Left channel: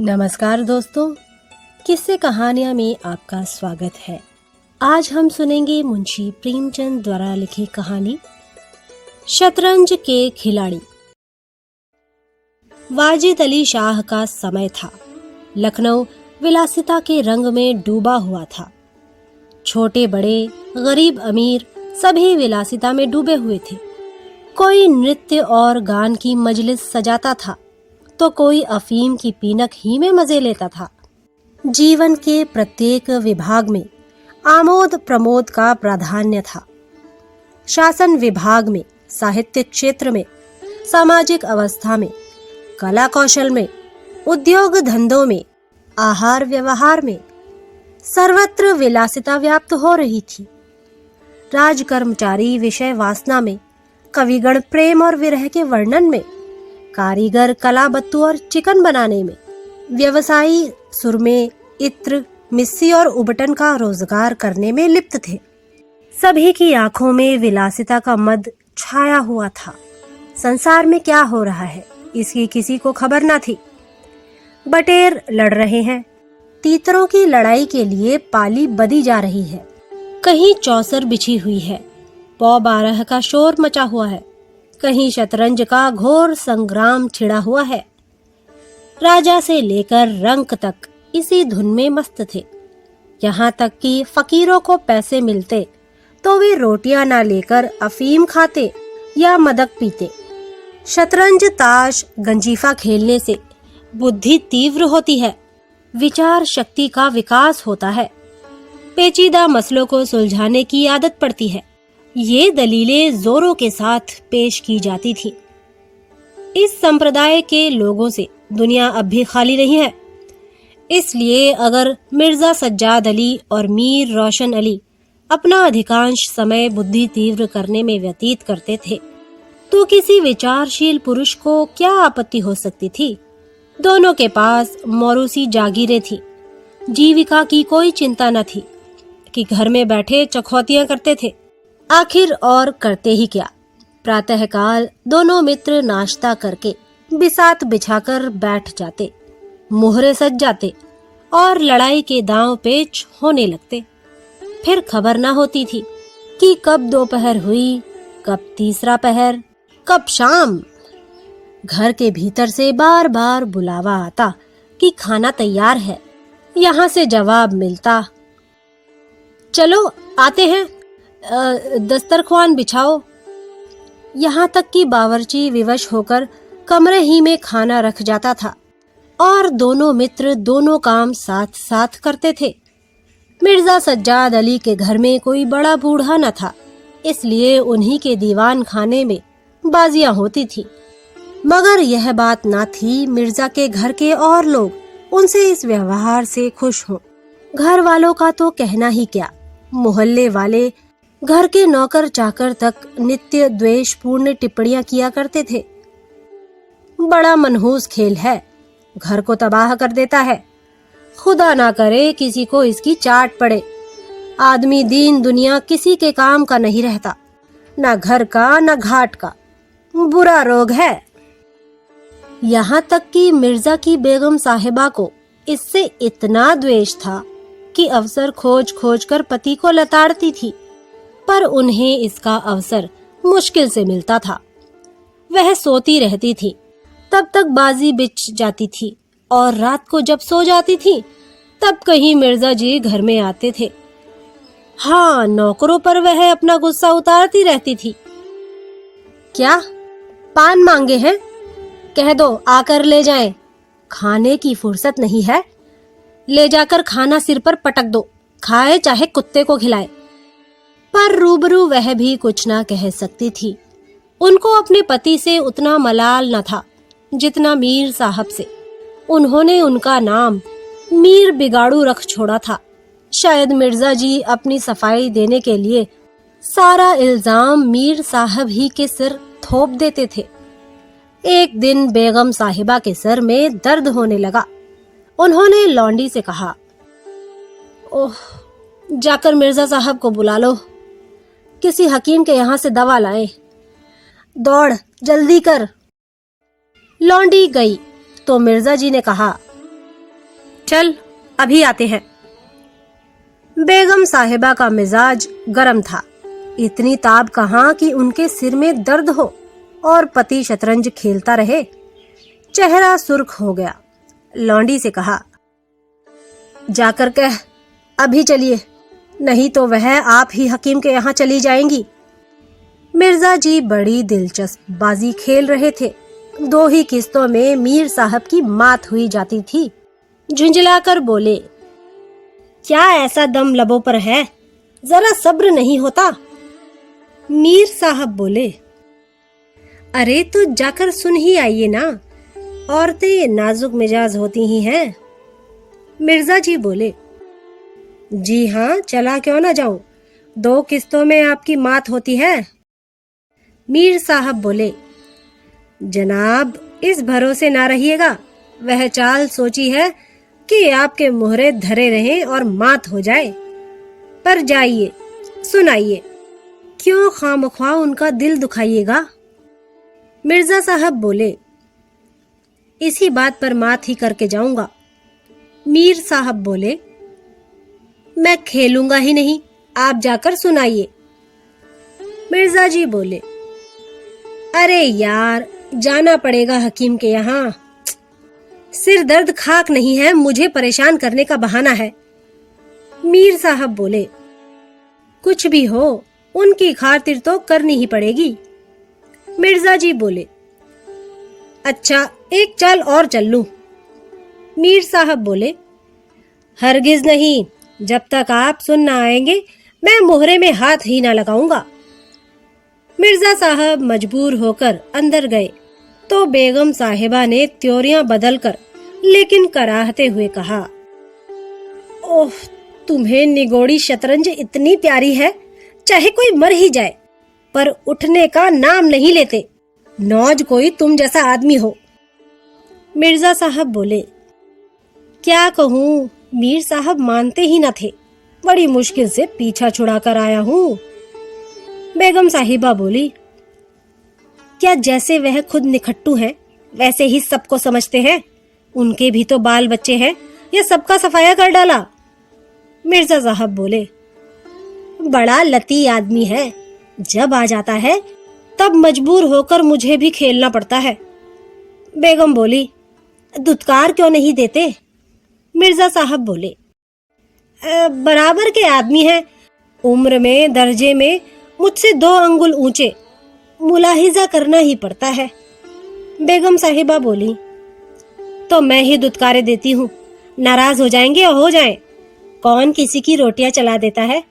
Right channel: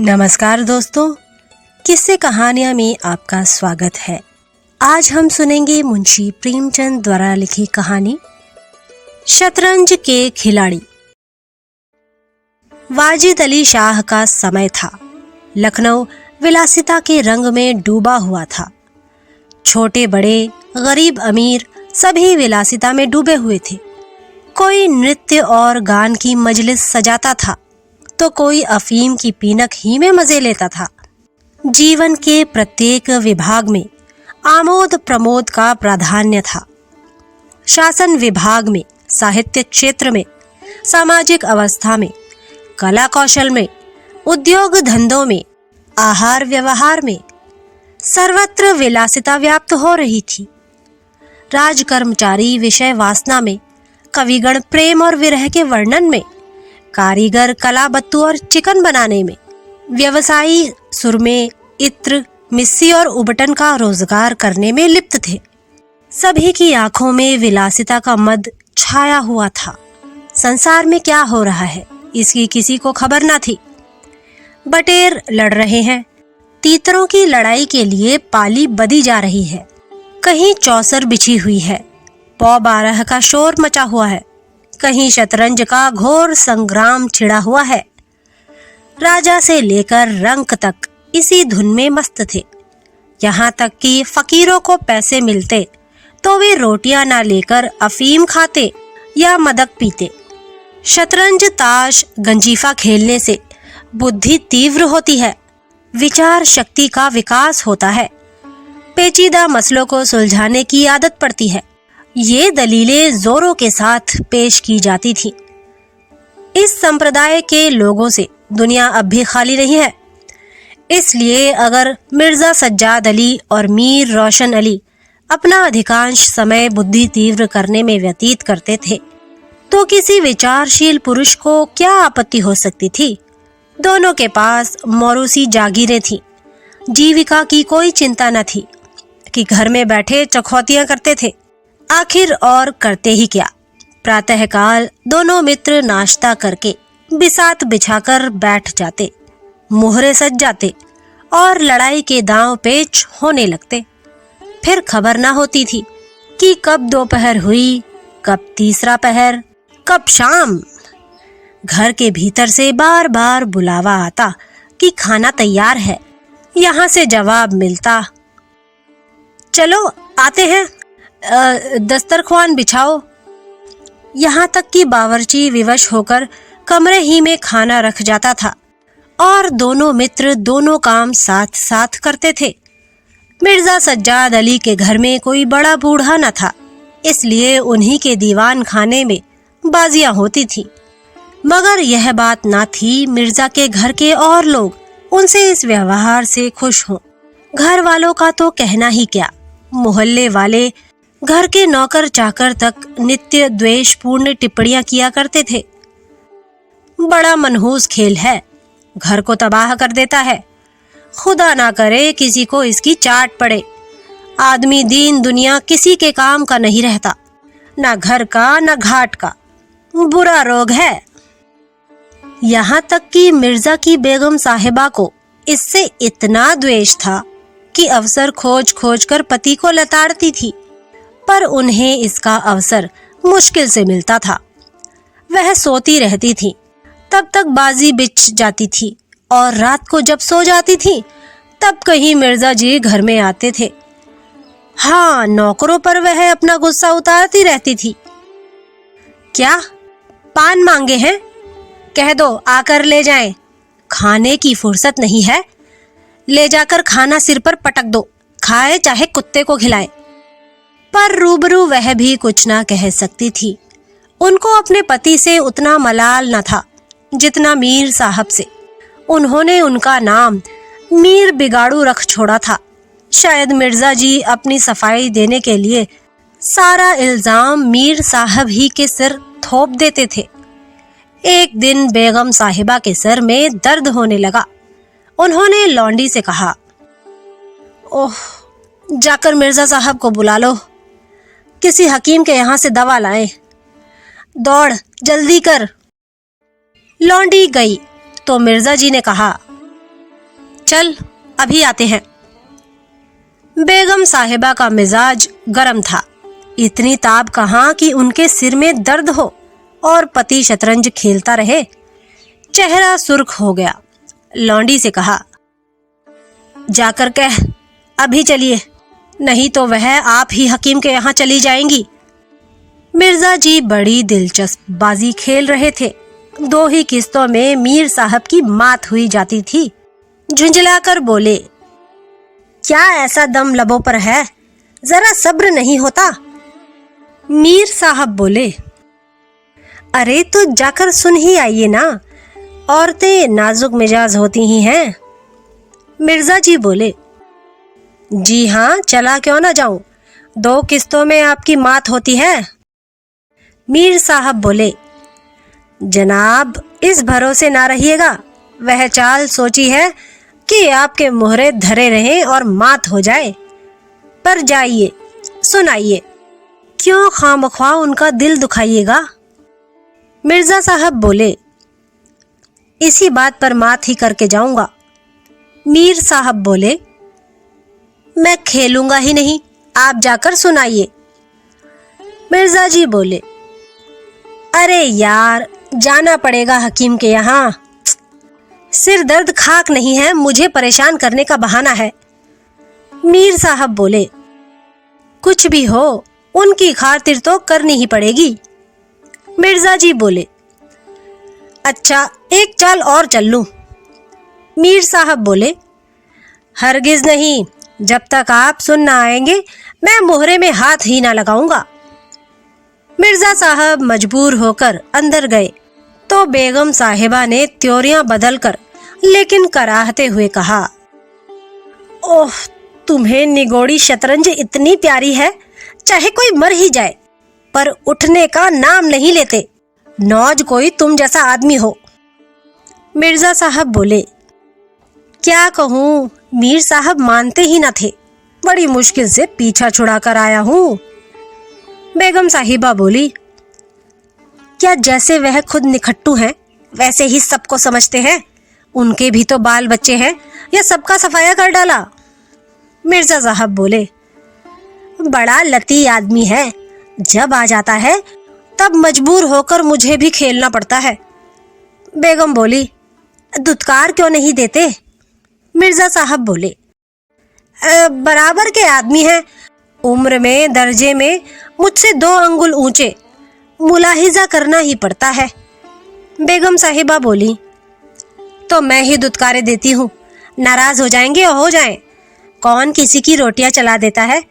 नमस्कार दोस्तों, किस्से कहानियाँ में आपका स्वागत है। आज हम सुनेंगे मुंशी प्रेमचंद द्वारा लिखी कहानी शतरंज के खिलाड़ी। वाजिद अली शाह का समय था। लखनऊ विलासिता के रंग में डूबा हुआ था। छोटे बड़े, गरीब अमीर सभी विलासिता में डूबे हुए थे। कोई नृत्य और गान की मजलिस सजाता था तो कोई अफीम की पीनक ही में मजे लेता था। जीवन के प्रत्येक विभाग में आमोद प्रमोद का प्राधान्य था। शासन विभाग में, साहित्य क्षेत्र में, सामाजिक अवस्था में, कला कौशल में, उद्योग धंधों में, आहार व्यवहार में, सर्वत्र विलासिता व्याप्त हो रही थी। राज कर्मचारी विषय वासना में, कविगण प्रेम और विरह के वर्णन में, कारीगर कला बत्तू और चिकन बनाने में, व्यवसायी सुरमे, इत्र, मिस्सी और उबटन का रोजगार करने में लिप्त थे। सभी की आंखों में विलासिता का मद छाया हुआ था। संसार में क्या हो रहा है इसकी किसी को खबर न थी। बटेर लड़ रहे हैं, तीतरों की लड़ाई के लिए पाली बदी जा रही है। कहीं चौसर बिछी हुई है, पौ 12 का शोर मचा हुआ है, कहीं शतरंज का घोर संग्राम छिड़ा हुआ है। राजा से लेकर रंक तक इसी धुन में मस्त थे। यहाँ तक कि फकीरों को पैसे मिलते तो वे रोटियां ना लेकर अफीम खाते या मदक पीते। शतरंज, ताश, गंजीफा खेलने से बुद्धि तीव्र होती है, विचार शक्ति का विकास होता है, पेचीदा मसलों को सुलझाने की आदत पड़ती है। ये दलीलें जोरों के साथ पेश की जाती थी। इस संप्रदाय के लोगों से दुनिया अब भी खाली नहीं है। इसलिए अगर मिर्जा सज्जाद अली और मीर रोशन अली अपना अधिकांश समय बुद्धि तीव्र करने में व्यतीत करते थे तो किसी विचारशील पुरुष को क्या आपत्ति हो सकती थी। दोनों के पास मौरूसी जागीरें थीं। जीविका की कोई चिंता न थी कि घर में बैठे चखौतियां करते थे। आखिर और करते ही क्या। प्रातःकाल दोनों मित्र नाश्ता करके बिसात बिछाकर बैठ जाते, मुहरे सज जाते और लड़ाई के दांव पेच होने लगते। फिर खबर ना होती थी कि कब दोपहर हुई, कब तीसरा पहर, कब शाम। घर के भीतर से बार बार बुलावा आता कि खाना तैयार है। यहाँ से जवाब मिलता, चलो आते हैं, दस्तरख्वान बिछाओ। यहाँ तक कि बावर्ची विवश होकर कमरे ही में खाना रख जाता था और दोनों मित्र दोनों काम साथ साथ करते थे। मिर्जा सज्जाद अली के घर में कोई बड़ा बूढ़ा न था, इसलिए उन्हीं के दीवान खाने में बाजियां होती थी। मगर यह बात ना थी मिर्जा के घर के और लोग उनसे इस व्यवहार से खुश हों। घर वालों का तो कहना ही क्या, मोहल्ले वाले, घर के नौकर चाकर तक नित्य द्वेषपूर्ण टिप्पणियां किया करते थे। बड़ा मनहूस खेल है, घर को तबाह कर देता है। खुदा ना करे किसी को इसकी चाट पड़े। आदमी दीन दुनिया किसी के काम का नहीं रहता, ना घर का ना घाट का। बुरा रोग है। यहाँ तक कि मिर्जा की बेगम साहिबा को इससे इतना द्वेष था कि अवसर खोज खोज कर पति को लताड़ती थी, पर उन्हें इसका अवसर मुश्किल से मिलता था। वह सोती रहती थी, तब तक बाजी बिछ जाती थी और रात को जब सो जाती थी तब कहीं मिर्जा जी घर में आते थे। हाँ, नौकरों पर वह अपना गुस्सा उतारती रहती थी। क्या पान मांगे हैं? कह दो आकर ले जाएं। खाने की फुर्सत नहीं है, ले जाकर खाना सिर पर पटक दो, खाए चाहे कुत्ते को खिलाए। पर रूबरू वह भी कुछ ना कह सकती थी। उनको अपने पति से उतना मलाल न था जितना मीर साहब से। उन्होंने उनका नाम मीर बिगाड़ू रख छोड़ा था। शायद मिर्जा जी अपनी सफाई देने के लिए सारा इल्जाम मीर साहब ही के सिर थोप देते थे। एक दिन बेगम साहिबा के सर में दर्द होने लगा। उन्होंने लौंडी से कहा, ओह, जाकर मिर्जा साहब को बुला लो, किसी हकीम के यहाँ से दवा लाए। दौड़, जल्दी कर। लौंडी गई तो मिर्जा जी ने कहा, चल अभी आते हैं। बेगम साहिबा का मिजाज गर्म था। इतनी ताब कहाँ कि उनके सिर में दर्द हो और पति शतरंज खेलता रहे। चेहरा सुर्ख हो गया। लौंडी से कहा, जाकर कह अभी चलिए, नहीं तो वह आप ही हकीम के यहाँ चली जाएंगी। मिर्जा जी बड़ी दिलचस्प बाजी खेल रहे थे। 2 ही किस्तों में मीर साहब की मात हुई जाती थी। झुंझलाकर बोले, क्या ऐसा दम लबों पर है, जरा सब्र नहीं होता? मीर साहब बोले, अरे तो जाकर सुन ही आइए ना, औरतें नाजुक मिजाज होती ही हैं। मिर्जा जी बोले, जी हाँ, चला क्यों ना जाऊं, 2 किस्तों में आपकी मात होती है। मीर साहब बोले, जनाब इस भरोसे ना रहिएगा, वह चाल सोची है कि आपके मोहरे धरे रहें और मात हो जाए। पर जाइए, सुनाइए, क्यों खामख्वाह उनका दिल दुखाइएगा? मिर्जा साहब बोले, इसी बात पर मात ही करके जाऊंगा। मीर साहब बोले, मैं खेलूंगा ही नहीं, आप जाकर सुनाइए। मिर्जा जी बोले, अरे यार, जाना पड़ेगा हकीम के यहाँ, सिर दर्द खाक नहीं है, मुझे परेशान करने का बहाना है। मीर साहब बोले, कुछ भी हो, उनकी खातिर तो करनी ही पड़ेगी। मिर्जा जी बोले, अच्छा एक चाल और चल लूं। मीर साहब बोले, हरगिज नहीं, जब तक आप सुन ना आएंगे मैं मोहरे में हाथ ही ना लगाऊंगा। मिर्जा साहब मजबूर होकर अंदर गए तो बेगम साहिबा ने त्योरियां बदलकर लेकिन कराहते हुए कहा, ओह, तुम्हें निगोड़ी शतरंज इतनी प्यारी है, चाहे कोई मर ही जाए पर उठने का नाम नहीं लेते। नौज कोई तुम जैसा आदमी हो। मिर्जा साहब बोले, क्या कहूँ, मीर साहब मानते ही न थे, बड़ी मुश्किल से पीछा छुड़ा कर आया हूँ। बेगम साहिबा बोली, क्या जैसे वह खुद निखट्टू हैं वैसे ही सबको समझते हैं? उनके भी तो बाल बच्चे हैं, या सबका सफाया कर डाला? मिर्जा साहब बोले, बड़ा लती आदमी है, जब आ जाता है तब मजबूर होकर मुझे भी खेलना पड़ता है। बेगम बोली, दुत्कार क्यों नहीं देते? मिर्जा साहब बोले, बराबर के आदमी हैं, उम्र में दर्जे में मुझसे 2 अंगुल ऊंचे, मुलाहिजा करना ही पड़ता है। बेगम साहिबा बोली, तो मैं ही दुत्कारे देती हूँ, नाराज हो जाएंगे और हो जाएं, कौन किसी की रोटियां चला देता है?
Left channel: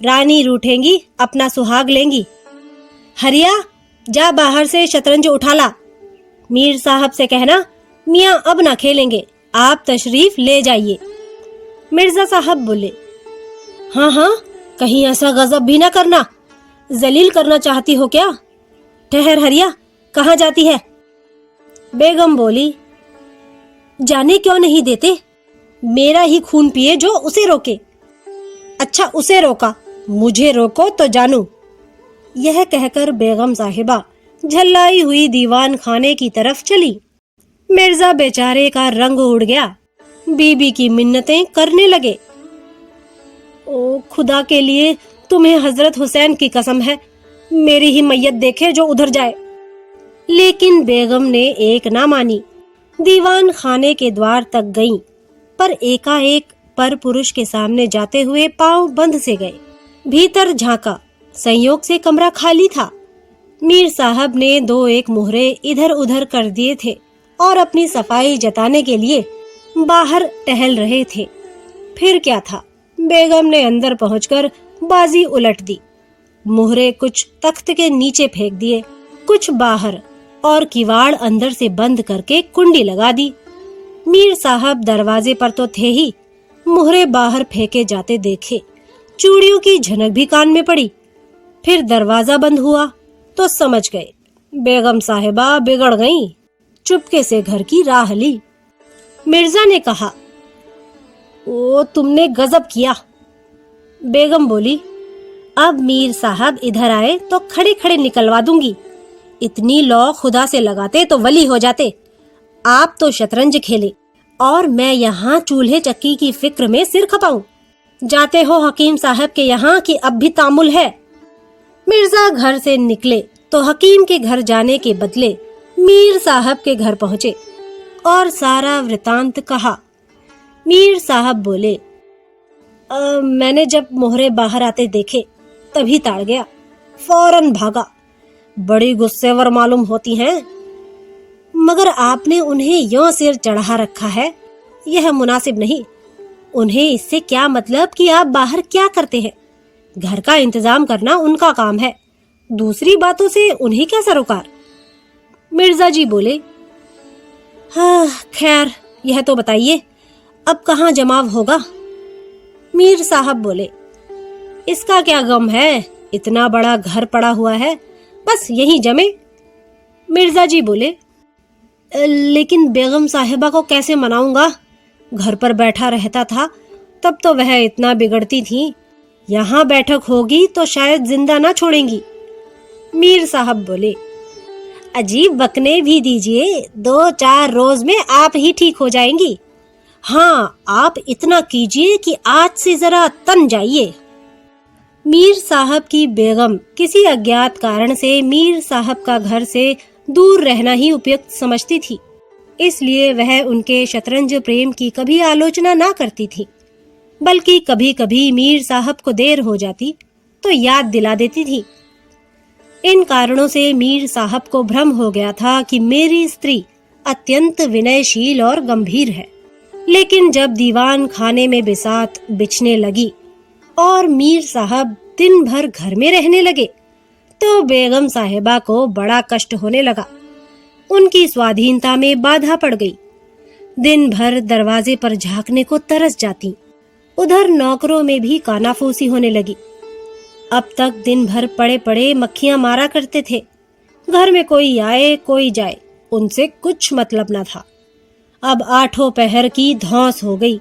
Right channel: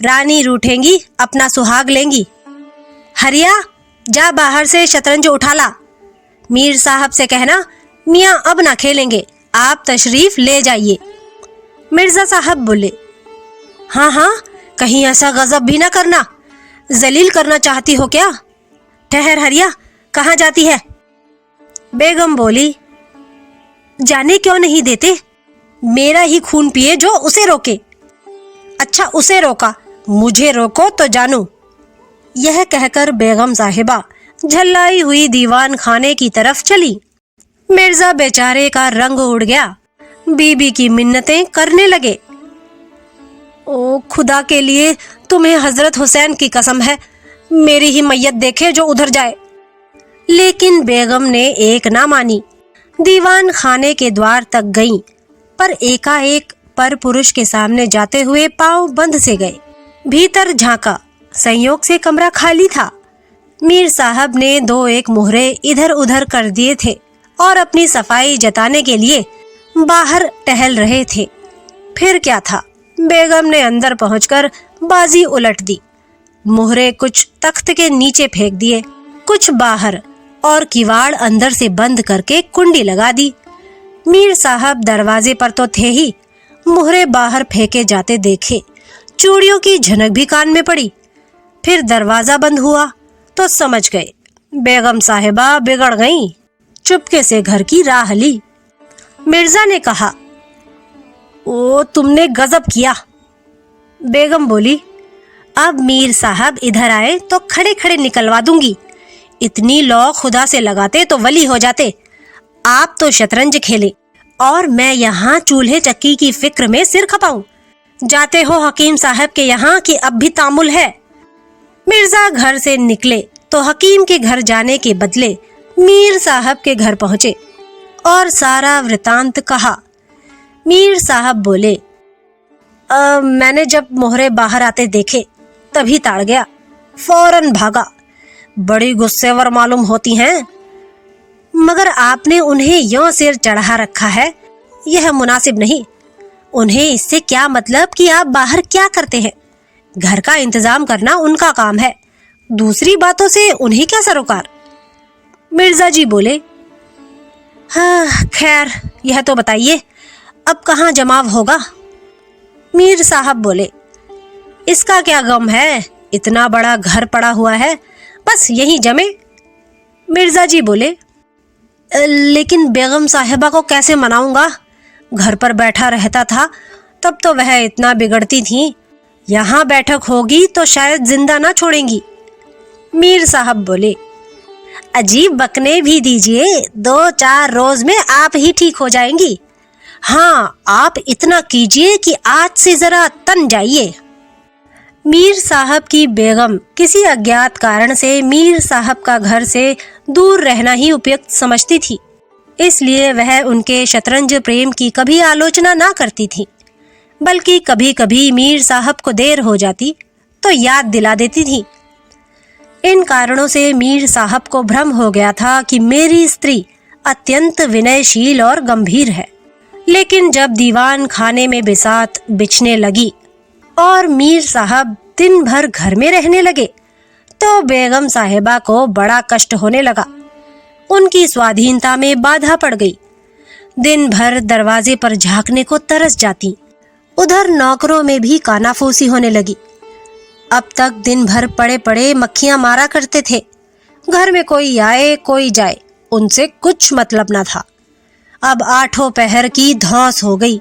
रानी रूठेंगी, अपना सुहाग लेंगी। हरिया, जा बाहर से शतरंज उठा ला। मीर साहब से कहना, मियाँ अब ना खेलेंगे, आप तशरीफ ले जाइए। मिर्जा साहब बोले, हाँ हाँ, कहीं ऐसा गजब भी ना करना, जलील करना चाहती हो क्या? ठहर हरिया, कहाँ जाती है? बेगम बोली, जाने क्यों नहीं देते, मेरा ही खून पिए जो उसे रोके। अच्छा, उसे रोका, मुझे रोको तो जानू। यह कहकर बेगम साहिबा झल्लाई हुई दीवान खाने की तरफ चली। मिर्जा बेचारे का रंग उड़ गया, बीबी की मिन्नतें करने लगे। ओ खुदा के लिए, तुम्हें हजरत हुसैन की कसम है, मेरी ही मैयत देखे जो उधर जाए। लेकिन बेगम ने एक ना मानी। दीवान खाने के द्वार तक गईं, पर एकाएक पर पुरुष के सामने जाते हुए पांव बंद से गए। भीतर झांका, संयोग से कमरा खाली था। मीर साहब ने 2-1 मोहरे इधर उधर कर दिए थे और अपनी सफाई जताने के लिए बाहर टहल रहे थे। फिर क्या था, बेगम ने अंदर पहुंचकर बाजी उलट दी। मोहरे कुछ तख्त के नीचे फेंक दिए, कुछ बाहर, और किवाड़ अंदर से बंद करके कुंडी लगा दी। मीर साहब दरवाजे पर तो थे ही, मोहरे बाहर फेंके जाते देखे। चूड़ियों की झनक भी कान में पड़ी। फिर दरवाजा बंद हुआ तो समझ गए बेगम साहिबा बिगड़ गईं। चुपके से घर की राह ली। मिर्जा ने कहा, ओ तुमने गजब किया। बेगम बोली, अब मीर साहब इधर आए तो खड़े खड़े निकलवा दूंगी। इतनी लौ खुदा से लगाते तो वली हो जाते। आप तो शतरंज खेले और मैं यहाँ चूल्हे चक्की की फिक्र में सिर खपाऊं। जाते हो हकीम साहब के यहाँ कि अब भी तामुल है। मिर्जा घर से निकले तो हकीम के घर जाने के बदले मीर साहब के घर पहुंचे और सारा वृतांत कहा। मीर साहब बोले, मैंने जब मोहरे बाहर आते देखे तभी ताड़ गया, फौरन भागा। बड़ी गुस्सेवर मालूम होती हैं, मगर आपने उन्हें यों सिर चढ़ा रखा है, यह मुनासिब नहीं। उन्हें इससे क्या मतलब कि आप बाहर क्या करते हैं? घर का इंतजाम करना उनका काम है, दूसरी बातों से उन्हें क्या सरोकार। मिर्जा जी बोले, हाँ खैर, यह तो बताइए अब कहाँ जमाव होगा? मीर साहब बोले, इसका क्या गम है, इतना बड़ा घर पड़ा हुआ है, बस यहीं जमे। मिर्जा जी बोले, लेकिन बेगम साहिबा को कैसे मनाऊंगा? घर पर बैठा रहता था तब तो वह इतना बिगड़ती थी, यहाँ बैठक होगी तो शायद जिंदा ना छोड़ेंगी। मीर साहब बोले, अजीब बकने भी दीजिए, 2-4 रोज में आप ही ठीक हो जाएंगी। हाँ, आप इतना कीजिए कि आज से जरा तन जाइए। मीर साहब की बेगम किसी अज्ञात कारण से मीर साहब का घर से दूर रहना ही उपयुक्त समझती थी, इसलिए वह उनके शतरंज प्रेम की कभी आलोचना ना करती थी, बल्कि कभी कभी मीर साहब को देर हो जाती तो याद दिला देती थी। इन कारणों से मीर साहब को भ्रम हो गया था कि मेरी स्त्री अत्यंत विनयशील और गंभीर है। लेकिन जब दीवान खाने में बिसात बिछने लगी और मीर साहब दिन भर घर में रहने लगे तो बेगम साहिबा को बड़ा कष्ट होने लगा। उनकी स्वाधीनता में बाधा पड़ गई। दिन भर दरवाजे पर झांकने को तरस जाती, उधर नौकरों में भी कानाफूसी होने लगी। अब तक दिन भर पड़े पड़े मक्खियां मारा करते थे, घर में कोई आए कोई जाए उनसे कुछ मतलब न था। अब 8 पहर की धौंस हो गई,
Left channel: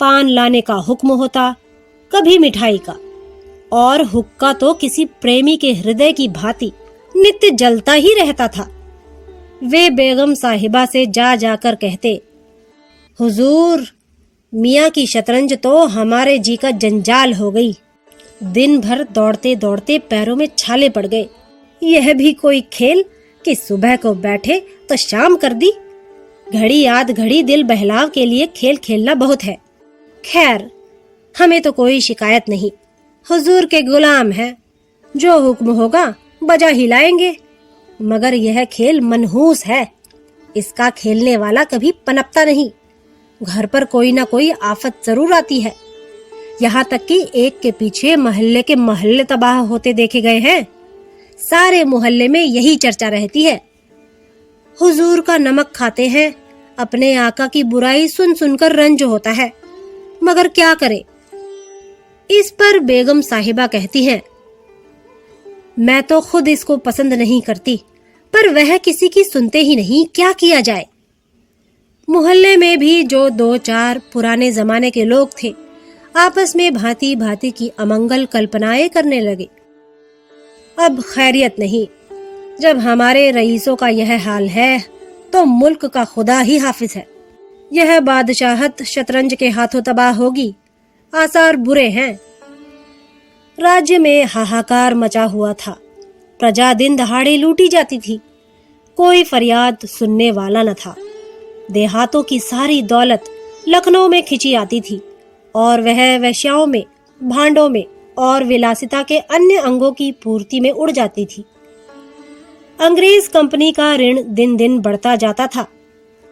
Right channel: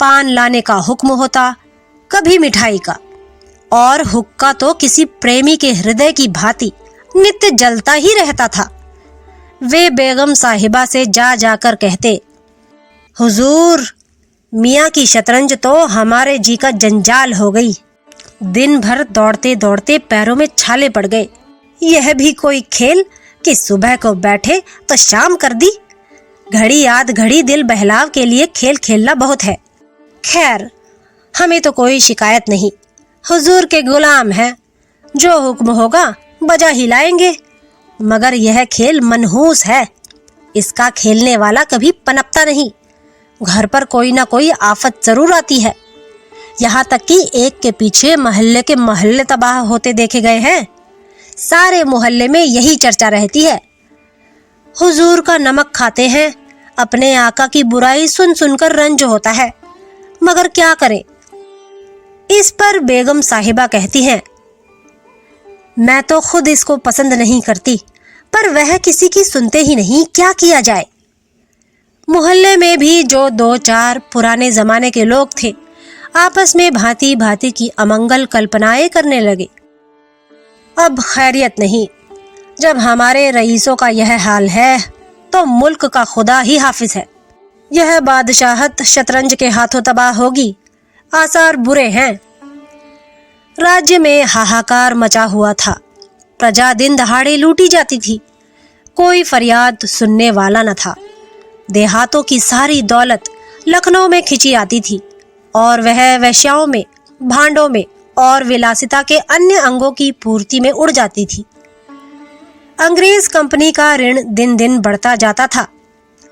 पान लाने का हुक्म होता, कभी मिठाई का, और हुक्का तो किसी प्रेमी के हृदय की भांति नित्य जलता ही रहता था। वे बेगम साहिबा से जा जाकर कहते, हुजूर, मियाँ की शतरंज तो हमारे जी का जंजाल हो गई, दिन भर दौड़ते दौड़ते पैरों में छाले पड़ गए। यह भी कोई खेल कि सुबह को बैठे तो शाम कर दी। घड़ी आध घड़ी दिल बहलाव के लिए खेल खेलना बहुत है। खैर, हमें तो कोई शिकायत नहीं, हुजूर के गुलाम हैं, जो हुक्म होगा बजा ही लाएंगे। मगर यह खेल मनहूस है, इसका खेलने वाला कभी पनपता नहीं। घर पर कोई ना कोई आफत जरूर आती है, यहाँ तक कि एक के पीछे मोहल्ले के मोहल्ले तबाह होते देखे गए हैं। सारे मोहल्ले में यही चर्चा रहती है। हुजूर का नमक खाते हैं, अपने आका की बुराई सुन सुनकर रंज होता है, मगर क्या करें। इस पर बेगम साहिबा कहती हैं, मैं तो खुद इसको पसंद नहीं करती, पर वह किसी की सुनते ही नहीं, क्या किया जाए। मोहल्ले में भी जो 2-4 पुराने जमाने के लोग थे, आपस में भांति भांति की अमंगल कल्पनाएं करने लगे। अब खैरियत नहीं, जब हमारे रईसों का यह हाल है तो मुल्क का खुदा ही हाफिज है। यह बादशाहत शतरंज के हाथों तबाह होगी, आसार बुरे हैं। राज्य में हाहाकार मचा हुआ था, प्रजा दिन दहाड़े लूटी जाती थी, कोई फरियाद सुनने वाला न था। देहातों की सारी दौलत लखनऊ में खिंची आती थी और वह वेश्याओं में, भांडों में और विलासिता के अन्य अंगों की पूर्ति में उड़ जाती थी। अंग्रेज कंपनी का ऋण दिन दिन बढ़ता जाता था,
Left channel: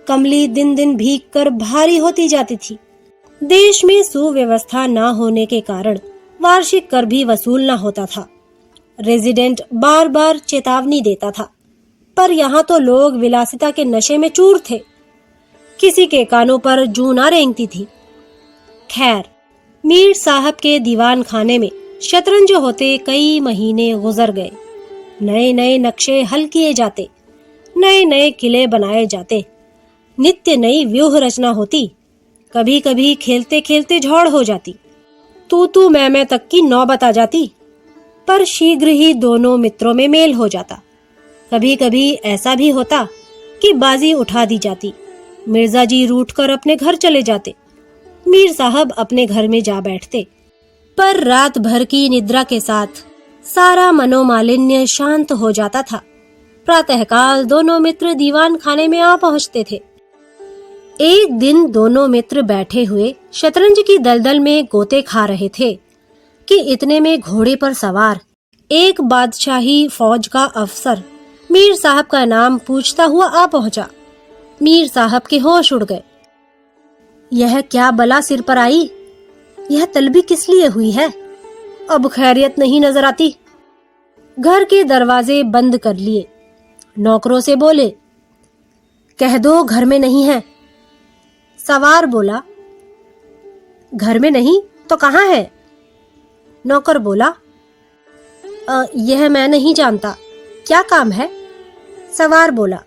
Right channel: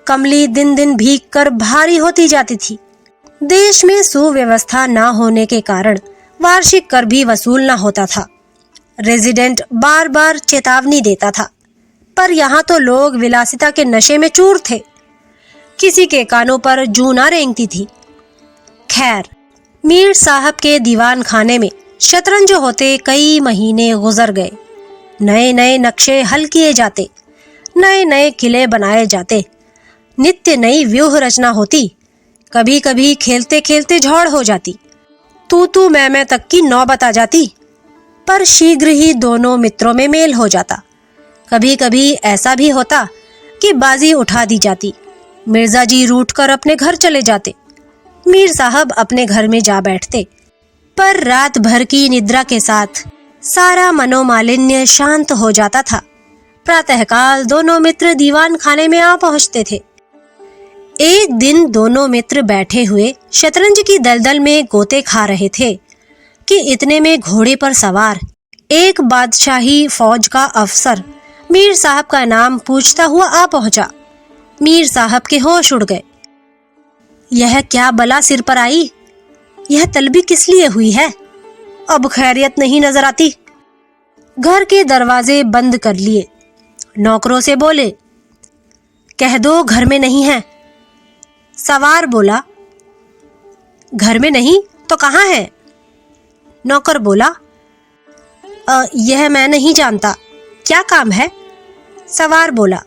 कमली दिन दिन भीग कर भारी होती जाती थी। देश में सुव्यवस्था न होने के कारण वार्षिक कर भी वसूल न होता था। रेजिडेंट बार बार चेतावनी देता था, पर यहाँ तो लोग विलासिता के नशे में चूर थे, किसी के कानों पर जूं न रेंगती थी। खैर, मीर साहब के दीवान खाने में शतरंज होते कई महीने गुजर गए। नए नए नक्शे हल किए जाते, नए नए किले बनाए जाते, नित्य नई व्यूह रचना होती। कभी कभी खेलते खेलते झौड़ हो जाती, तू मैं तक की नौबत आ जाती, पर शीघ्र ही दोनों मित्रों में मेल हो जाता। कभी कभी ऐसा भी होता कि बाजी उठा दी जाती, मिर्जा जी रूठकर अपने घर चले जाते। मीर साहब अपने घर में जा बैठते। पर रात भर की निद्रा के साथ सारा मनोमालिन्य शांत हो जाता था। प्रातःकाल दोनों मित्र दीवान खाने में आ पहुंचते थे। एक दिन दोनों मित्र बैठे हुए शतरंज की दलदल में गोते खा रहे थे कि इतने में घोड़े पर सवार एक बादशाही फौज का अफसर मीर साहब का नाम पूछता हुआ आ पहुंचा। मीर साहब के होश उड़ गए। यह क्या बला सिर पर आई? यह तलबी किस लिए हुई है? अब खैरियत नहीं नजर आती। घर के दरवाजे बंद कर लिए। नौकरों से बोले, कह दो घर में नहीं है। सवार बोला, घर में नहीं तो कहाँ है? नौकर बोला, यह मैं नहीं जानता, क्या काम है? सवार बोला,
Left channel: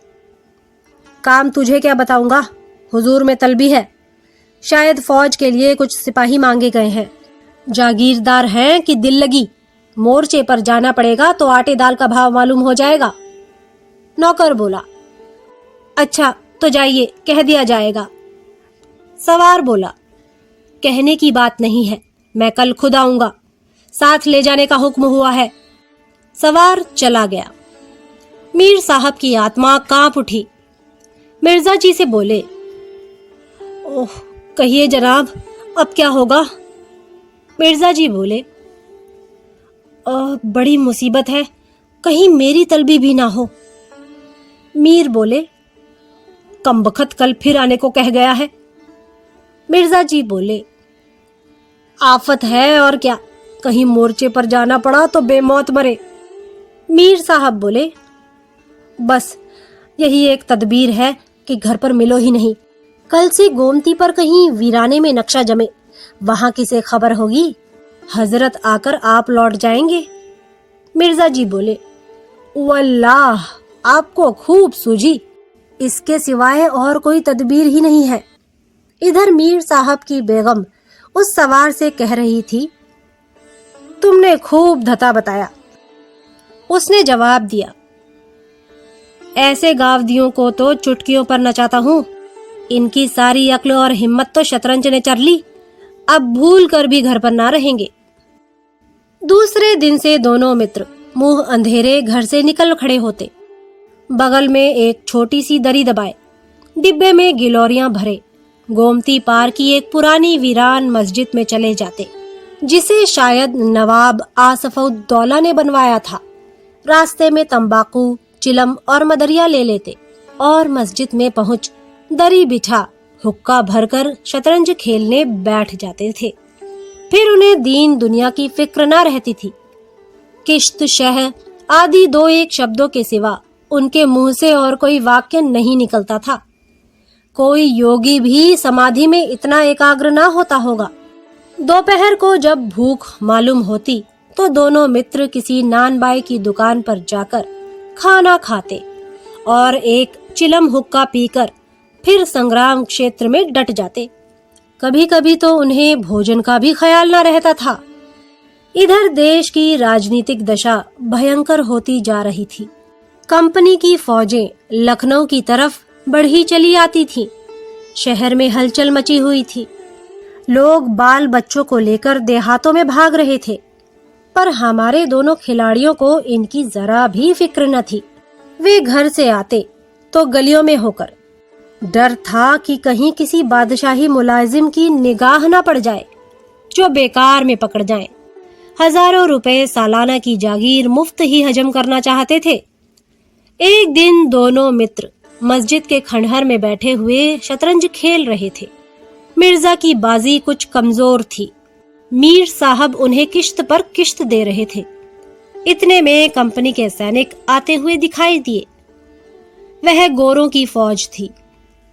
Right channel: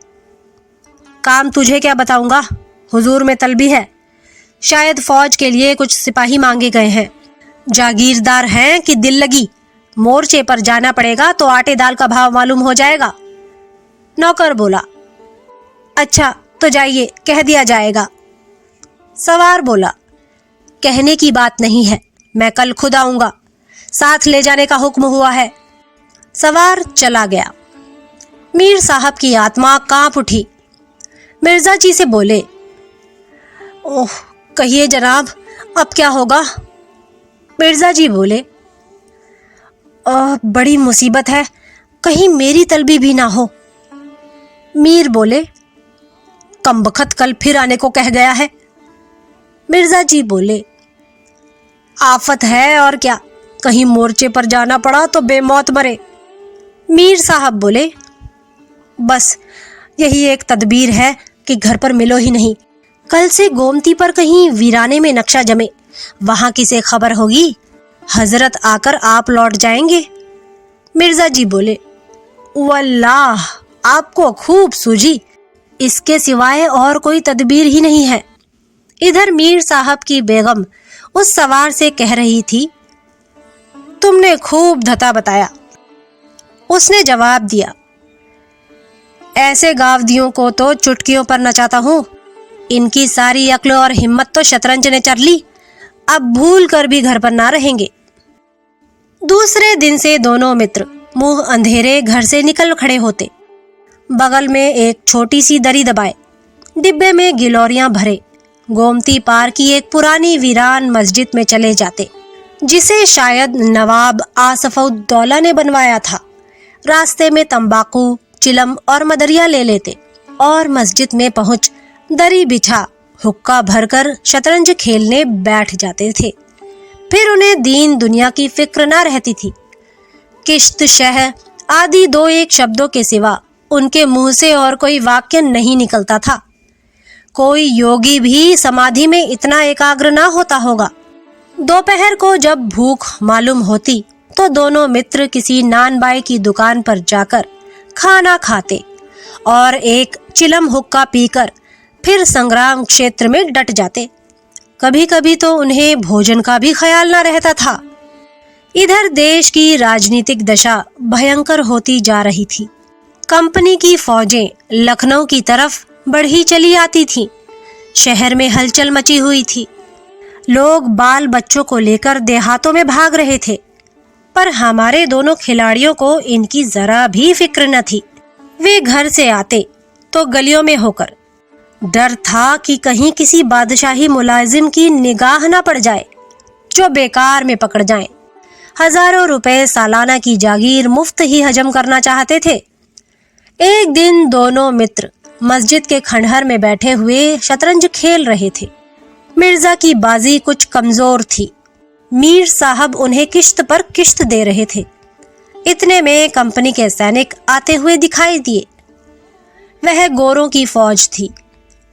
काम तुझे क्या बताऊंगा, हुजूर में तलबी है, शायद फौज के लिए कुछ सिपाही मांगे गए हैं। जागीरदार हैं कि दिल लगी, मोर्चे पर जाना पड़ेगा तो आटे दाल का भाव मालूम हो जाएगा। नौकर बोला, अच्छा तो जाइए, कह दिया जाएगा। सवार बोला, कहने की बात नहीं है, मैं कल खुद आऊंगा, साथ ले जाने का हुक्म हुआ है। सवार चला गया। मीर साहब की आत्मा कांप उठी। मिर्जा जी से बोले, ओह कहिए जनाब, अब क्या होगा? मिर्जा जी बोले, बड़ी मुसीबत है, कहीं मेरी तलबी भी ना हो। मीर बोले, कमबख्त कल फिर आने को कह गया है। मिर्जा जी बोले, आफत है और क्या, कहीं मोर्चे पर जाना पड़ा तो बेमौत मरे। मीर साहब बोले, बस यही एक तदबीर है कि घर पर मिलो ही नहीं, कल से गोमती पर कहीं वीराने में नक्शा जमे, वहां किसे खबर होगी, हजरत आकर आप लौट जाएंगे। मिर्जा जी बोले, वल्लाह आपको खूब सूझी, इसके सिवाय और कोई तदबीर ही नहीं है। इधर मीर साहब की बेगम उस सवार से कह रही थी, तुमने खूब धता बताया। उसने जवाब दिया, ऐसे गावदियों को तो चुटकियों पर नचाता हूँ, इनकी सारी अक्ल और हिम्मत तो शतरंज ने चर ली, अब भूल कर भी घर पर ना रहेंगे। दूसरे दिन से दोनों मित्र मुंह अंधेरे घर से निकल खड़े होते। बगल में एक छोटी सी दरी दबाए, डिब्बे में गिलोरियां भरे, गोमती पार की एक पुरानी वीरान मस्जिद में चले जाते, जिसे शायद नवाब आसफउद्दौला ने बनवाया था। रास्ते में तंबाकू, चिलम और मदरिया ले लेते और मस्जिद में पहुंच दरी बिछा हुक्का भरकर शतरंज खेलने बैठ जाते थे। फिर उन्हें दीन दुनिया की फिक्र न रहती थी। किश्त, शह आदि दो एक शब्दों के सिवा उनके मुंह से और कोई वाक्य नहीं निकलता था। कोई योगी भी समाधि में इतना एकाग्र न होता होगा। दोपहर को जब भूख मालूम होती तो दोनों मित्र किसी नान बाई की दुकान पर जाकर खाना खाते और एक चिलम हुक्का पीकर फिर संग्राम क्षेत्र में डट जाते। कभी कभी तो उन्हें भोजन का भी ख्याल न रहता था। इधर देश की राजनीतिक दशा भयंकर होती जा रही थी। कंपनी की फौजें लखनऊ की तरफ बढ़ी चली आती थीं। शहर में हलचल मची हुई थी। लोग बाल बच्चों को लेकर देहातों में भाग रहे थे, पर हमारे दोनों खिलाड़ियों को इनकी जरा भी फिक्र न थी। वे घर से आते तो गलियों में होकर, डर था कि कहीं किसी बादशाही मुलाजिम की निगाह न पड़ जाए जो बेकार में पकड़ जाए। हजारों रुपए सालाना की जागीर मुफ्त ही हजम करना चाहते थे। एक दिन दोनों मित्र मस्जिद के खंडहर में बैठे हुए शतरंज खेल रहे थे। मिर्जा की बाजी कुछ कमजोर थी। मीर साहब उन्हें किश्त पर किश्त दे रहे थे। इतने में कंपनी के सैनिक आते हुए दिखाई दिए। वह गोरों की फौज थी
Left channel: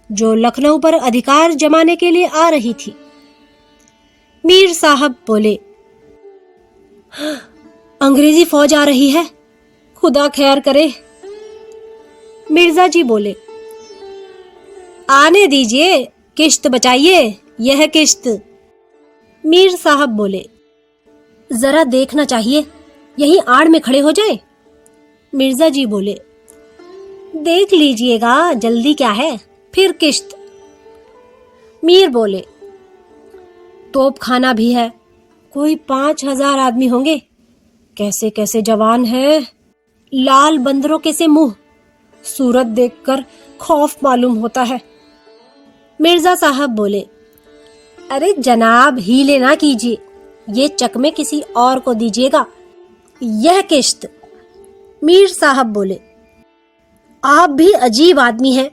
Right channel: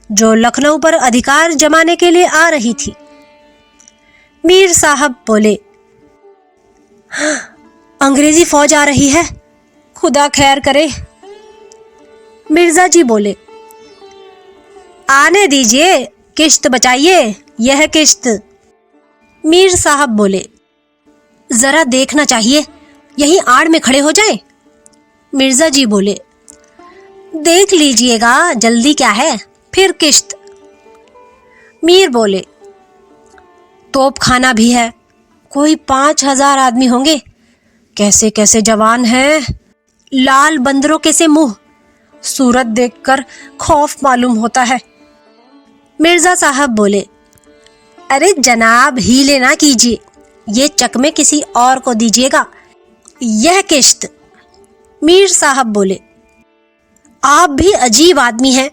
जो लखनऊ पर अधिकार जमाने के लिए आ रही थी। मीर साहब बोले, अंग्रेजी फौज आ रही है, खुदा खैर करे। मिर्जा जी बोले, आने दीजिए, किश्त बचाइए, यह किश्त। मीर साहब बोले, जरा देखना चाहिए, यहीं आड़ में खड़े हो जाए। मिर्जा जी बोले, देख लीजिएगा, जल्दी क्या है, फिर किश्त। मीर बोले, तोप खाना भी है, कोई 5,000 आदमी होंगे। कैसे कैसे जवान हैं, लाल बंदरों के से मुंह, सूरत देखकर खौफ मालूम होता है। मिर्जा साहब बोले, अरे जनाब हीले ना कीजिए, ये चकमे किसी और को दीजिएगा, यह किश्त। मीर साहब बोले, आप भी अजीब आदमी हैं,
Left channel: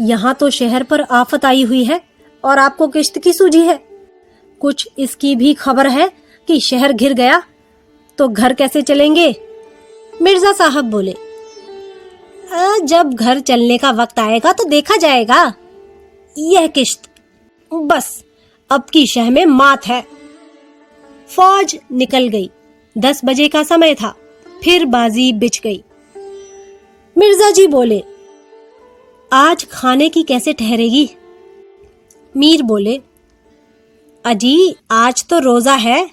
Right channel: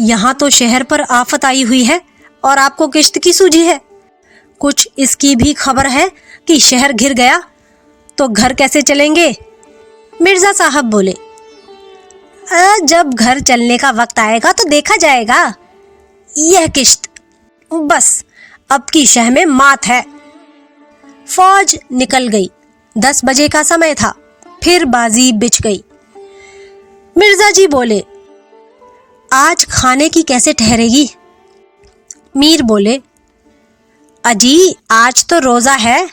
यहाँ तो शहर पर आफत आई हुई है और आपको किश्त की सूझी है। कुछ इसकी भी खबर है कि शहर घिर गया तो घर कैसे चलेंगे? मिर्जा साहब बोले, जब घर चलने का वक्त आएगा तो देखा जाएगा, यह किश्त, बस अब की शह में मात है। फौज निकल गई। 10 बजे का समय था, फिर बाजी बिछ गई। मिर्जा जी बोले, आज खाने की कैसे ठहरेगी? मीर बोले, अजी आज तो रोजा है,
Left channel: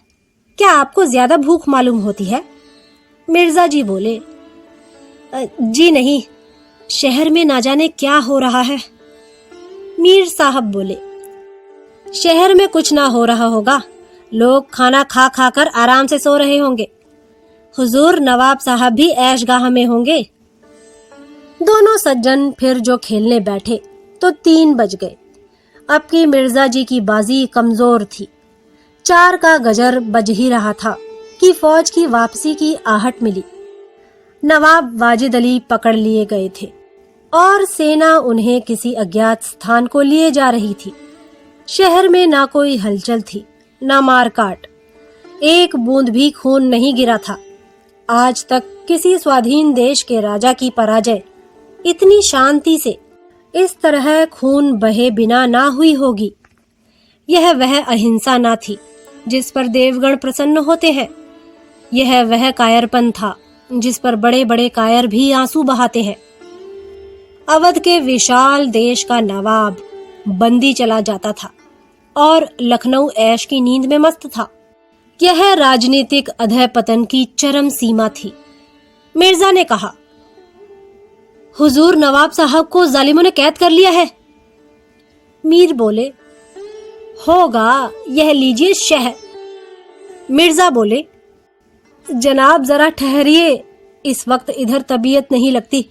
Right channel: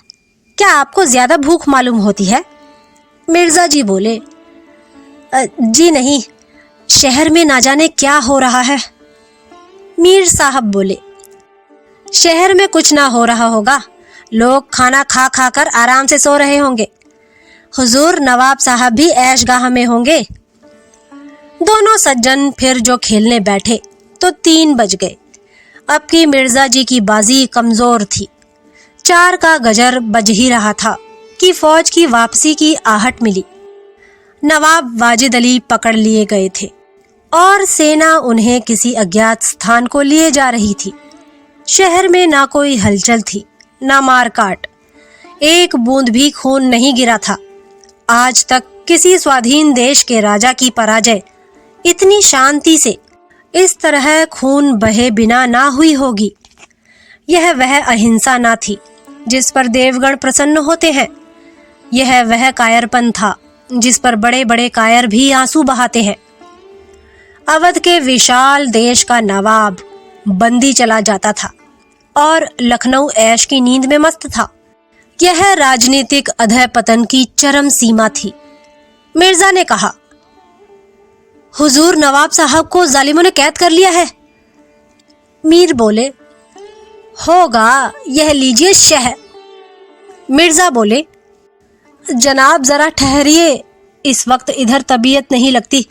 क्या आपको ज्यादा भूख मालूम होती है? मिर्जा जी बोले, जी नहीं, शहर में ना जाने क्या हो रहा है। मीर साहब बोले, शहर में कुछ ना हो रहा होगा, लोग खाना खा खा कर आराम से सो रहे होंगे। हुजूर नवाब साहब भी ऐशगाह में होंगे। दोनों सज्जन फिर जो खेलने बैठे तो 3 बज गए। अब की मिर्जा जी की बाजी कमजोर थी। 4 का गजर बज ही रहा था कि फौज की वापसी की आहट मिली। नवाब वाजिद अली पकड़ लिए गए थे और सेना उन्हें किसी अज्ञात स्थान को लिए जा रही थी। शहर में ना कोई हलचल थी, ना मारकाट, एक बूंद भी खून नहीं गिरा था। आज तक किसी स्वाधीन देश के राजा की पराजय इतनी शांति से, इस तरह खून बहे बिना ना हुई होगी। यह वह अहिंसा ना थी जिस पर देवगण प्रसन्न होते हैं। यह वह कायरपन था जिस पर बड़े बड़े कायर भी आंसू बहाते हैं। अवध के विशाल देश का नवाब बंदी चला जाता था और लखनऊ ऐश की नींद में मस्त था। यह राजनीतिक अधः पतन की चरम सीमा थी। मिर्जा ने कहा, हुजूर नवाब साहब को जालिमों ने कैद कर लिया है। मीर बोले, होगा, यह लीजिए शह। मिर्जा बोले, जनाब जरा ठहरिए, इस वक्त इधर तबीयत नहीं लगती।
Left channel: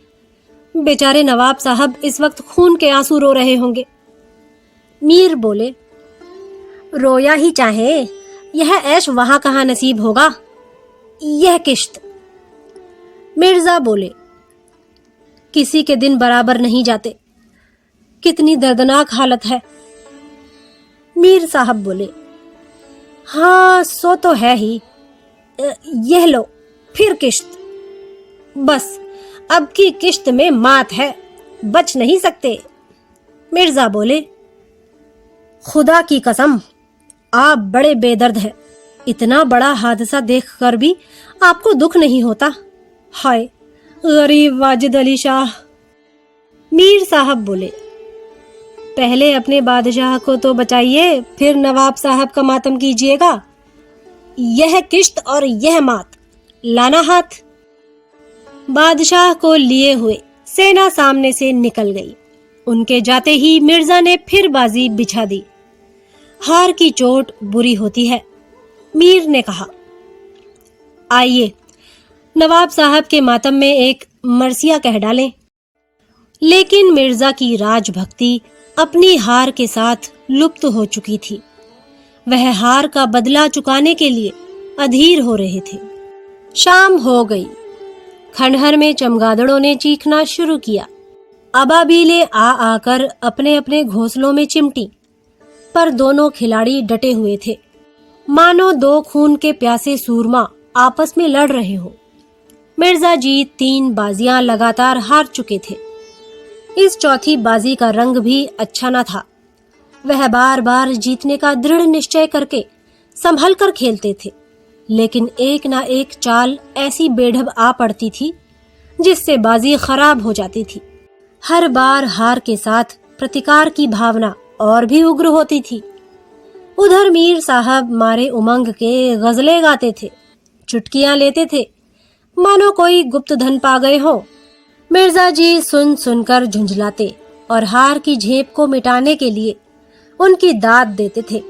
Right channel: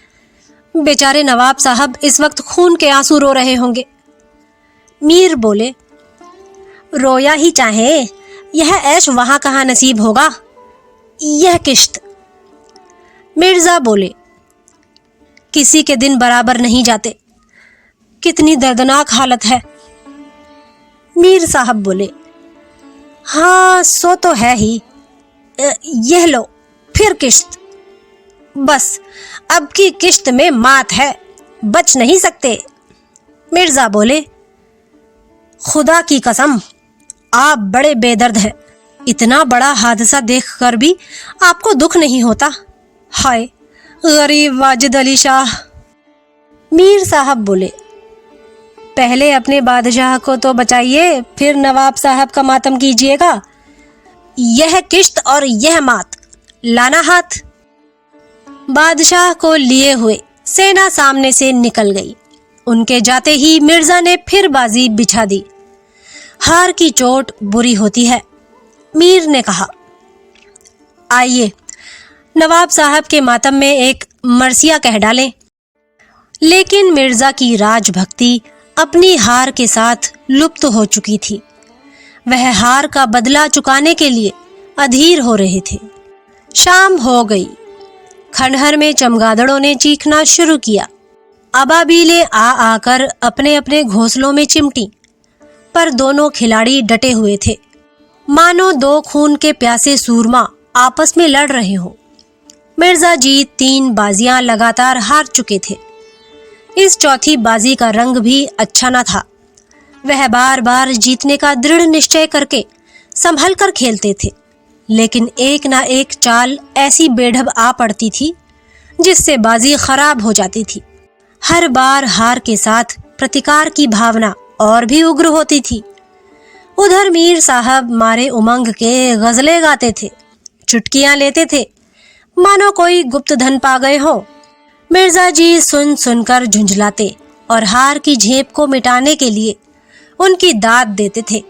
बेचारे नवाब साहब इस वक्त खून के आंसू रो रहे होंगे। मीर बोले, रोया ही चाहे, यह ऐश वहां कहां नसीब होगा, यह किश्त। मिर्जा बोले, किसी के दिन बराबर नहीं जाते, कितनी दर्दनाक हालत है। मीर साहब बोले, हाँ सो तो है ही, यह लो फिर किश्त, बस अब की किश्त में मात है, बच नहीं सकते। मिर्जा बोले, खुदा की कसम, आप बड़े बेदर्द हैं, इतना बड़ा हादसा देखकर भी आपको दुख नहीं होता। हाय गरीब वाजिद अली शाह। मीर साहब बोले, पहले अपने बादशाह को तो बचाइए, फिर नवाब साहब का मातम कीजिएगा। यह किश्त और यह मात, लाना हाथ। बादशाह को लिए हुए सेना सामने से निकल गई। उनके जाते ही मिर्जा ने फिर बाजी बिछा दी। हार की चोट बुरी होती है। मीर ने कहा, आइए नवाब साहब के मातम में एक मरसिया कह डालें। लेकिन मिर्जा की राजभक्ति अपनी हार के साथ लुप्त हो चुकी थी। वह हार का बदला चुकाने के लिए अधीर हो रहे थे। शाम हो गई। खंडहर में चमगादड़ों ने चीखना शुरू किया। अबाबीलें आ आकर अपने अपने घोंसलों में चिमटी, पर दोनों खिलाड़ी डटे हुए थे, मानो 2 खून के प्यासे सूरमा आपस में लड़ रहे हों। मिर्जा जी 3 बाजियां लगातार हार चुके थे। इस चौथी बाजी का रंग भी अच्छा न था। वह बार बार जीतने का दृढ़ निश्चय करके संभल कर खेलते थे, लेकिन एक ना एक चाल ऐसी बेढब आ पड़ती थी जिससे बाजी खराब हो जाती थी। हर बार हार के साथ प्रतिकार की भावना और भी उग्र होती थी। उधर मीर साहब मारे उमंग के गजलें गाते थे, चुटकियां लेते थे, मानो कोई गुप्त धन पा गए हों। मिर्जा जी सुन सुनकर झुंझलाते और हार की झेप को मिटाने के लिए उनकी दाद देते थे।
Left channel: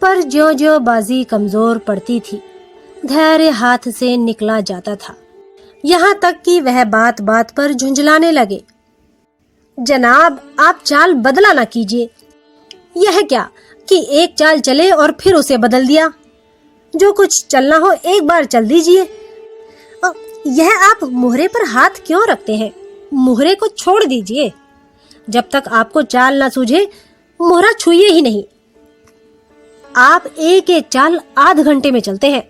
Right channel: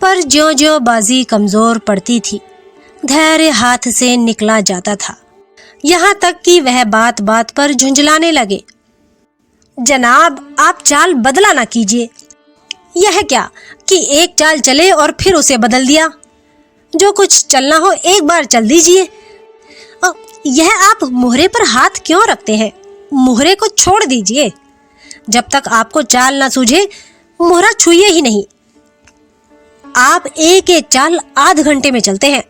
पर ज्यों-ज्यों बाजी कमजोर पड़ती थी, धैर्य हाथ से निकला जाता था, यहाँ तक कि वह बात बात पर झुंझलाने लगे। जनाब, आप चाल बदला ना कीजिए। यह क्या कि एक चाल चले और फिर उसे बदल दिया। जो कुछ चलना हो एक बार चल दीजिए। यह आप मोहरे पर हाथ क्यों रखते हैं? मोहरे को छोड़ दीजिए। जब तक आपको चाल ना सूझे, मोहरा छुइए ही नहीं। आप एक एक चाल आध घंटे में चलते हैं।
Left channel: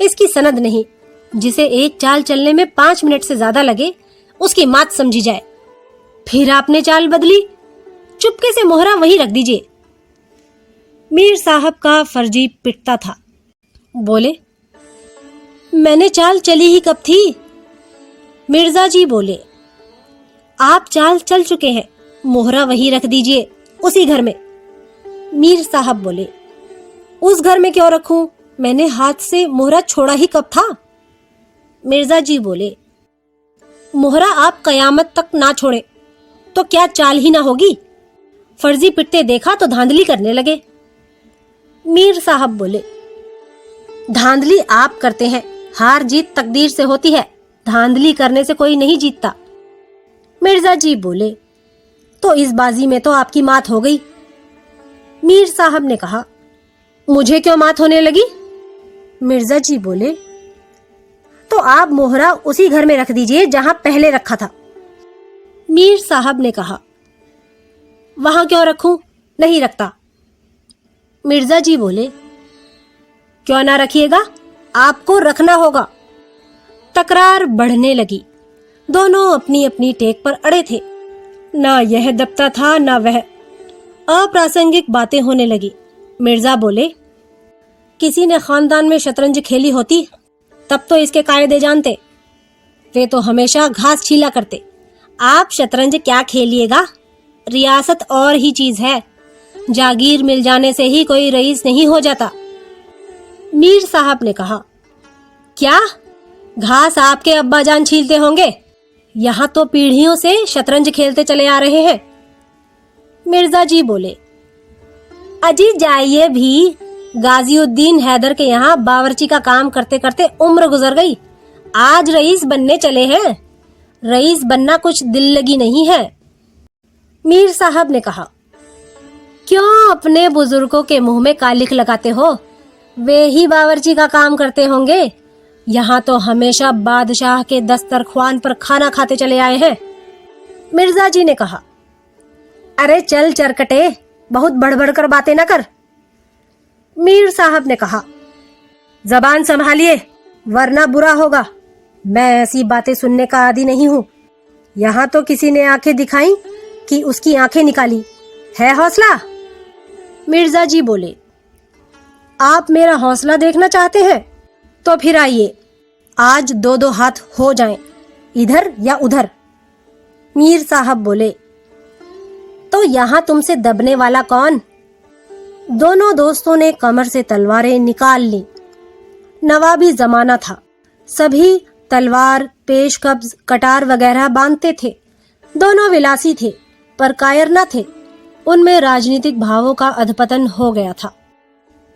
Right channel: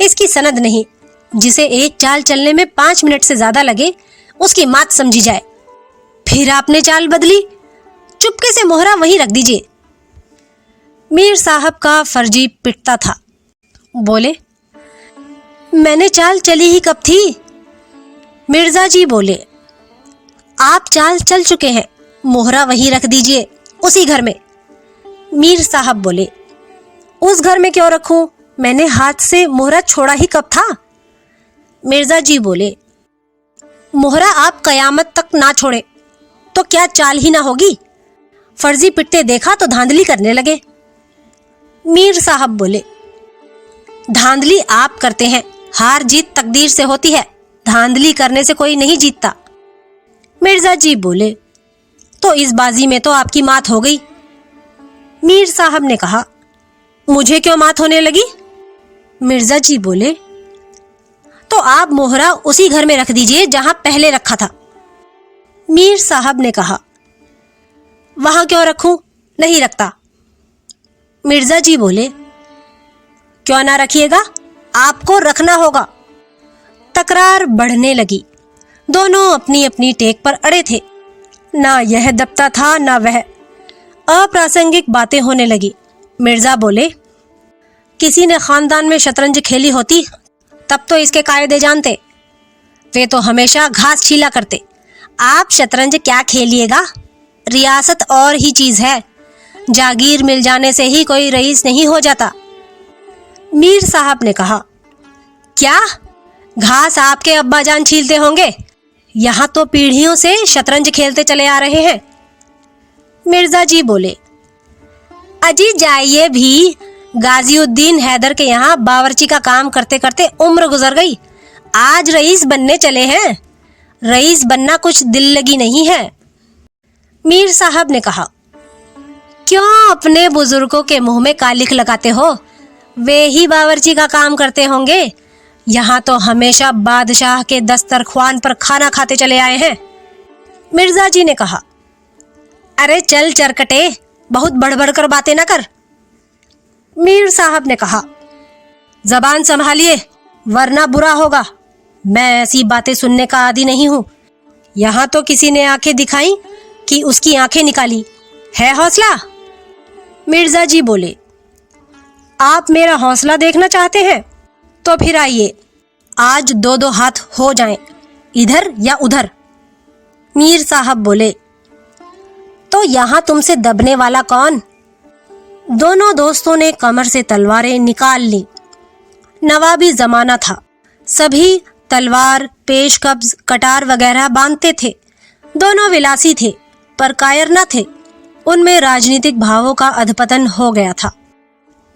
इसकी सनद नहीं। जिसे एक चाल चलने में 5 मिनट से ज्यादा लगे, उसकी मात समझी जाए। फिर आपने चाल बदली, चुपके से मोहरा वहीं रख दीजिए। मीर साहब का फर्जी पिटता था। बोले, मैंने चाल चली ही कब थी? मिर्जा जी बोले, आप चाल चल चुके हैं, मोहरा वहीं रख दीजिए, उसी घर में। मीर साहब बोले, उस घर में क्यों रखूं? मैंने हाथ से मोहरा छोड़ा ही कब था? मिर्जा जी बोले, मोहरा आप कयामत तक ना छोड़े तो क्या चाल ही ना होगी? फर्जी पिटते देखा तो धांधली करने लगे। मीर साहब बोले, धांधली आप करते हैं, हार जीत तकदीर से होती है, धांधली करने से कोई नहीं जीतता। मिर्जा जी बोले, तो इस बाजी में तो आपकी मात हो गई। मीर साहब ने कहा, मुझे क्यों मात होने लगी? मिर्जा जी बोले, तो आप मोहरा उसी घर में रख दीजिए जहां पहले रखा था। मीर साहब ने कहा, वहां क्यों रखूं? नहीं रखता। मिर्जा जी बोले, क्यों ना रखिएगा, आपको रखना होगा। तकरार बढ़ने लगी। दोनों अपनी अपनी टेक पर अड़े थे। ना यह दबता था ना वह। अप्रासंगिक बातें होने लगी। मिर्जा बोले, किसी ने खानदान में शतरंज खेली होती तब तो इसके कायदे जानते। वे तो हमेशा घास छीला करते। आप शतरंज क्या खेलिएगा? रियासत और ही चीज है। जागीर मिल जाने से ही कोई रईस नहीं हो जाता। मीर साहब ने कहा, क्या घास आपके अब्बाजान छीलते होंगे? यहाँ तो पीढ़ियों से शतरंज खेलते चले आ रहे हैं। मिर्जा जी बोले, अजी जाइए भी, गाजीउद्दीन हैदर के यहाँ बावर्ची का काम करते करते उम्र गुजर गई। आज रईस बनने चले हैं। रईस बनना कुछ दिल लगी नहीं है। मीर साहब ने कहा, क्यों अपने बुजुर्गों के मुंह में कालिख लगाते हो? वे ही बावर्ची का काम करते होंगे। यहाँ तो हमेशा बादशाह के दस्तरख्वान पर खाना खाते चले आए हैं। मिर्जा जी ने कहा, अरे चल चरकटे, बहुत बड़बड़ कर बातें न कर। मीर साहब ने कहा, जबान संभालिए वरना बुरा होगा। मैं ऐसी बातें सुनने का आदी नहीं हूं। यहाँ तो किसी ने आंखें दिखाई कि उसकी आंखें निकाली। है हौसला? मिर्जा जी बोले, आप मेरा हौसला देखना चाहते हैं तो फिर आइए, आज 2-2 हाथ हो जाएं, इधर या उधर। मीर साहब बोले, तो यहाँ तुमसे दबने वाला कौन? दोनों दोस्तों ने कमर से तलवारें निकाल ली। नवाबी जमाना था। सभी तलवार, पेशकब्ज, कटार वगैरह बांधते थे। दोनों विलासी थे पर कायर न थे। उनमें राजनीतिक भावों का अधपतन हो गया था।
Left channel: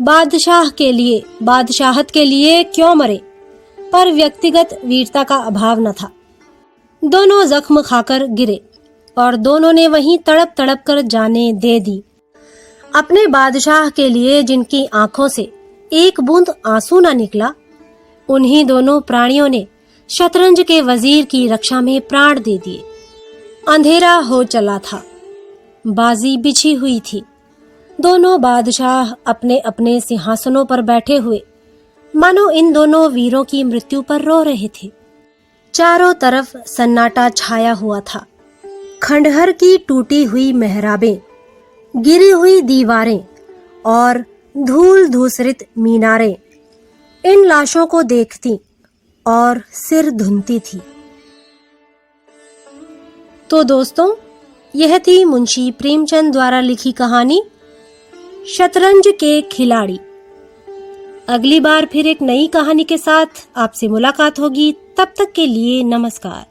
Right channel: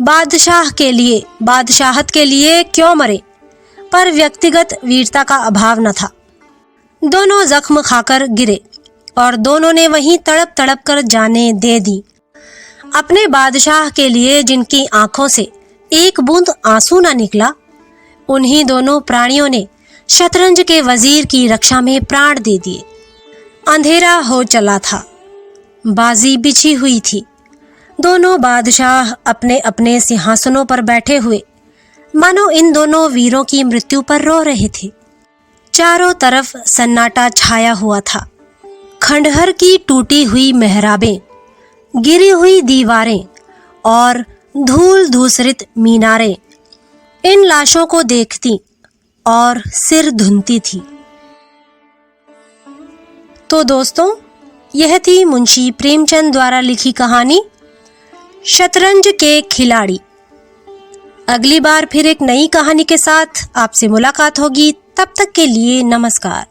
बादशाह के लिए, बादशाहत के लिए क्यों मरे, पर व्यक्तिगत वीरता का अभाव न था। दोनों जख्म खाकर गिरे और दोनों ने वहीं तड़प तड़प कर जाने दे दी। अपने बादशाह के लिए जिनकी आंखों से एक बूंद आंसू न निकला, उन्हीं दोनों प्राणियों ने शतरंज के वजीर की रक्षा में प्राण दे दिए। अंधेरा हो चला था। बाजी बिछी हुई थी। दोनों बादशाह अपने अपने सिंहासनों पर बैठे हुए मानो इन दोनों वीरों की मृत्यु पर रो रहे थे। चारों तरफ सन्नाटा छाया हुआ था। खंडहर की टूटी हुई मेहराबें, गिरी हुई दीवारें और धूल धूसरित मीनारें इन लाशों को देखती और सिर धुनती थी। तो दोस्तों, यह थी मुंशी प्रेमचंद द्वारा लिखी कहानी शतरंज के खिलाड़ी। अगली बार फिर एक नई कहानी के साथ आपसे मुलाकात होगी। तब तक के लिए नमस्कार।